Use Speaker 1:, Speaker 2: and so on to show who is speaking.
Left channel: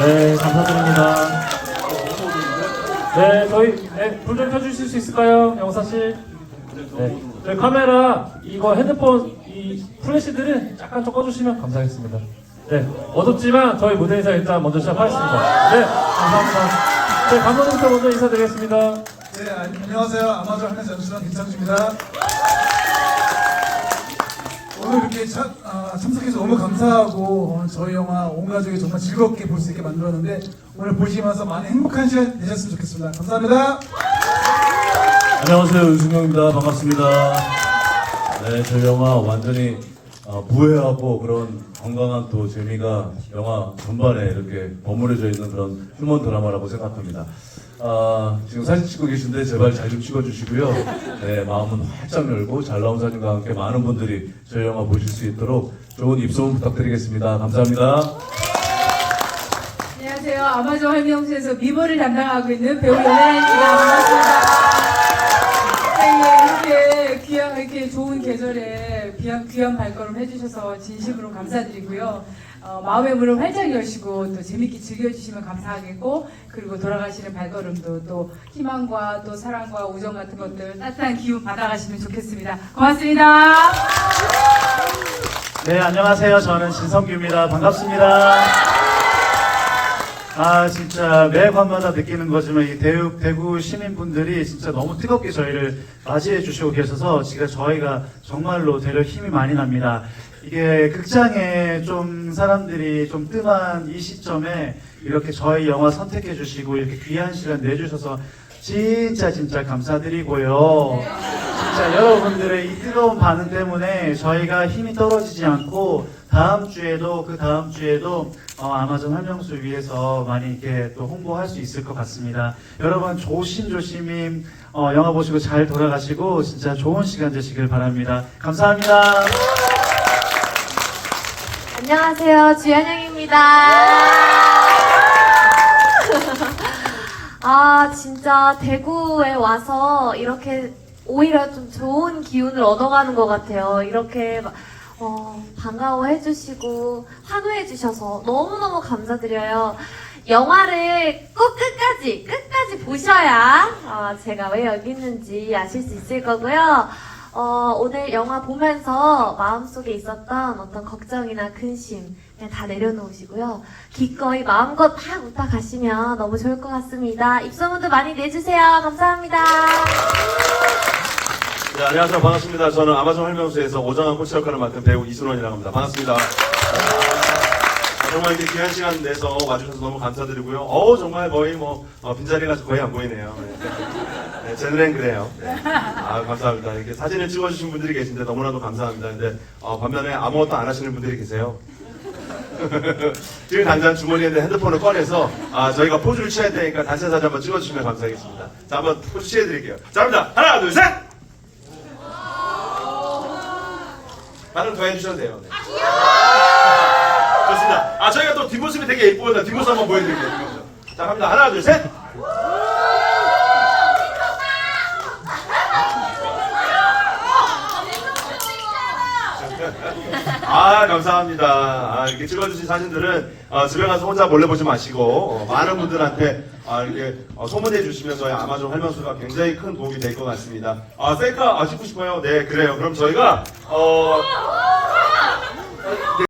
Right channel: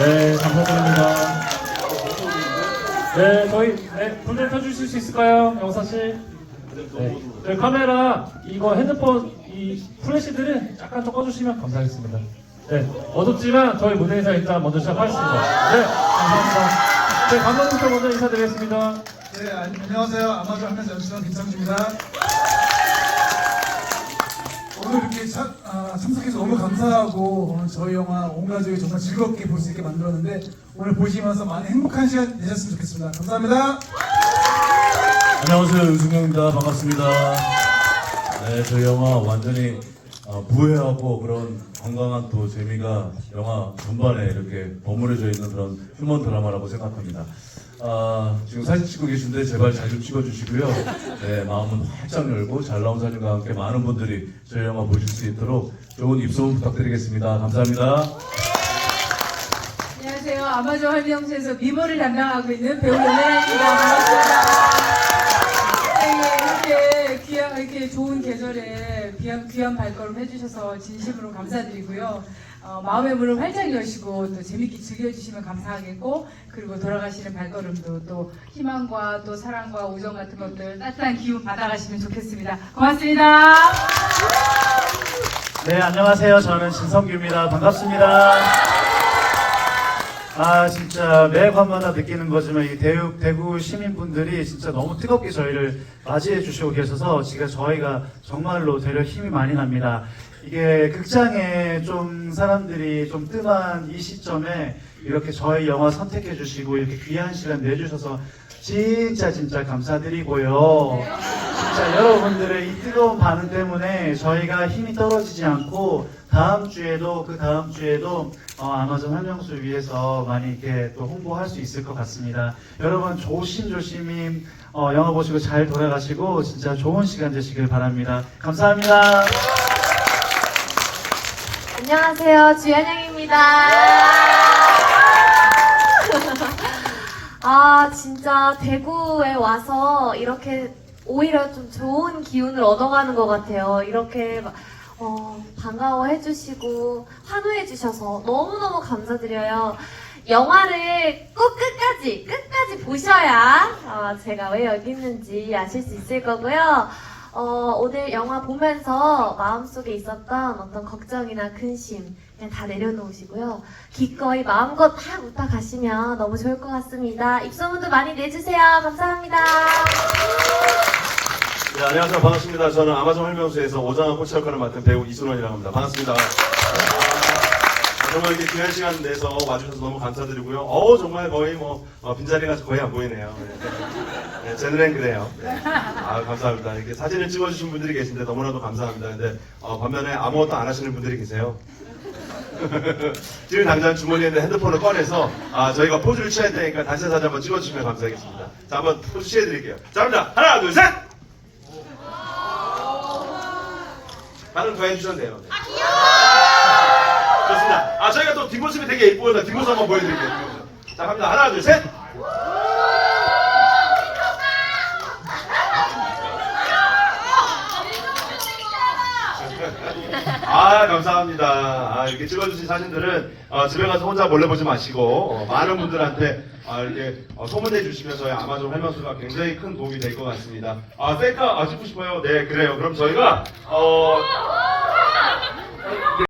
Speaker 1: 네, 감사드립니다. 네, 저희 네, 불좀 켜주실 수 있을까요, 영사 씨? 네, 저희 카메라 이거 핸드폰 이 플래시들은 약간 좀 꺼주시면 감사하겠습니다. 네, 어둡지만 저희 무대에서 일단 먼저 시작하겠습니다. 네, 감사합니다. 저희 감독님부터 먼저 인사드리겠습니다.
Speaker 2: 네, 아, 안녕하세요. 아마존 하면서 연출한 김창주입니다. 오늘 이렇게 참, 아, 참석해서 너무 감사하고 오늘 저희 영화 온 가족이 정말 즐겁게 볼 수 있게 만들었는데 오늘 보시면서 많이 행복한 시간 되셨으면 좋겠습니다. 감사합니다.
Speaker 3: 안녕하세요 윤승용입니다 반갑습니다 네 저희 영화 완전히 어, 부해하고 그런 건강한 또 재미가 영화 전반에 이렇게 버무려져 있는 그런 휴먼 드라마라고 생각합니다 아, 지금 사진 찍고 계신데 제발 잘 좀 찍어주시고요 네 마음은 활짝 열고 잘 나온 사진과 함께 많은 분들이 저희 영화 보실 수 있도록 좋은 입소문 부탁드리겠습니다 감사합니다
Speaker 4: 안녕하세요. 아마존 할미영수에서 미모를 담당하고 있는 배우 연예인입니다. 반갑습니다. 네, 이렇게 귀한, 이렇게 좋은 계절에 귀한, 귀한 발걸음 해주셔서 진심으로 감사드리고요. 어, 마음의 문을 활짝 여시고 또 재밌게 즐겨주시면 감사하겠고 그리고 돌아가시는 발걸음도 또 희망과 또 사랑과 우정 같은 것들 따뜻한 기운 받아가시면 좋겠습니다. 고맙습니다.
Speaker 1: 네, 안녕하세요. 저는 진성규입니다. 반갑습니다. 아, 진짜 매번마다 느끼는 거지만 이 대구, 대구 시민분들이 진짜 너무 뜨겁게 저희를 맞이해 주시고 계셔서 지금 저희가 정말로 되려 힘이 많이 납니다. 이게 극장에 좀 사람들이 좀 뜸한 이 시점에 이렇게 저희 영화 선택해 주시고 이렇게 귀한 시간 내주셔서 진짜 진짜 감사드리고요. 진짜 여러분들의 이 뜨거운 반응 때문에 저희가 힘이 떨어지지 않고 다음 주에도 그 다음 주에도 어, 아마존 한명수 위해서 많이 이렇게 또 홍보할 수 있을 것 같습니다. 여러분 조심조심히 어, 영화 보시고 잘 돌아가시고 진짜 좋은 시간 되시길 바랍니다. 감사합니다.
Speaker 5: 안녕하세요. 주연영입니다. 아, 진짜 대구에 와서 이렇게 오히려 좀 좋은 기운을 얻어가는 것 같아요. 이렇게 막, 어, 반가워해 주시고 환호해 주셔서 너무너무 감사드려요. 영화를 꼭 끝까지, 끝까지 보셔야 어, 제가 왜 여기 있는지 아실 수 있을 거고요. 어, 오늘 영화 보면서 마음속에 있었던 어떤 걱정이나 근심 그냥 다 내려놓으시고요. 기꺼이 마음껏 막 웃다 가시면 너무 좋을 것 같습니다. 입소문도 많이 내주세요. 감사합니다.
Speaker 6: 네, 안녕하세요. 반갑습니다. 저는 아마존 활명수에서 오정환 코치 역할을 맡은 배우 이순원이라고 합니다. 반갑습니다. 아, 정말 이렇게 귀한 시간 내서 와주셔서 너무 감사드리고요. 어우, 정말 거의 뭐, 어, 빈자리가 거의 안 보이네요. 네. 네, 제 눈엔 그래요. 네. 아, 감사합니다. 이렇게 사진을 찍어주신 분들이 계신데 너무나도 감사합니다. 근데, 어, 반면에 아무것도 안 하시는 분들이 계세요. 지금 당장 주머니에 있는 핸드폰을 꺼내서 아, 저희가 포즈를 취할 테니까 단체 사진 한번 찍어주시면 감사하겠습니다. 자, 한번 포즈 취해드릴게요. 자, 갑니다. 하나, 둘, 셋! 반응 더 해주셔도 돼요. 네. 좋습니다. 아, 저희가 또 뒷모습이 되게 예쁘거든요. 뒷모습 한번 보여드릴게요. 자, 갑니다. 하나, 둘, 셋! 아, 감사합니다. 아, 이렇게 찍어주신 사진들은 어, 집에 가서 혼자 몰래 보지 마시고 어, 많은 분들한테 아, 이렇게 어, 소문해 주시면 저희 아마존 활명수가 굉장히 큰 도움이 될 것 같습니다. 아, 셀카 아, 찍고 싶어요? 네, 그래요. 그럼 저희가 어,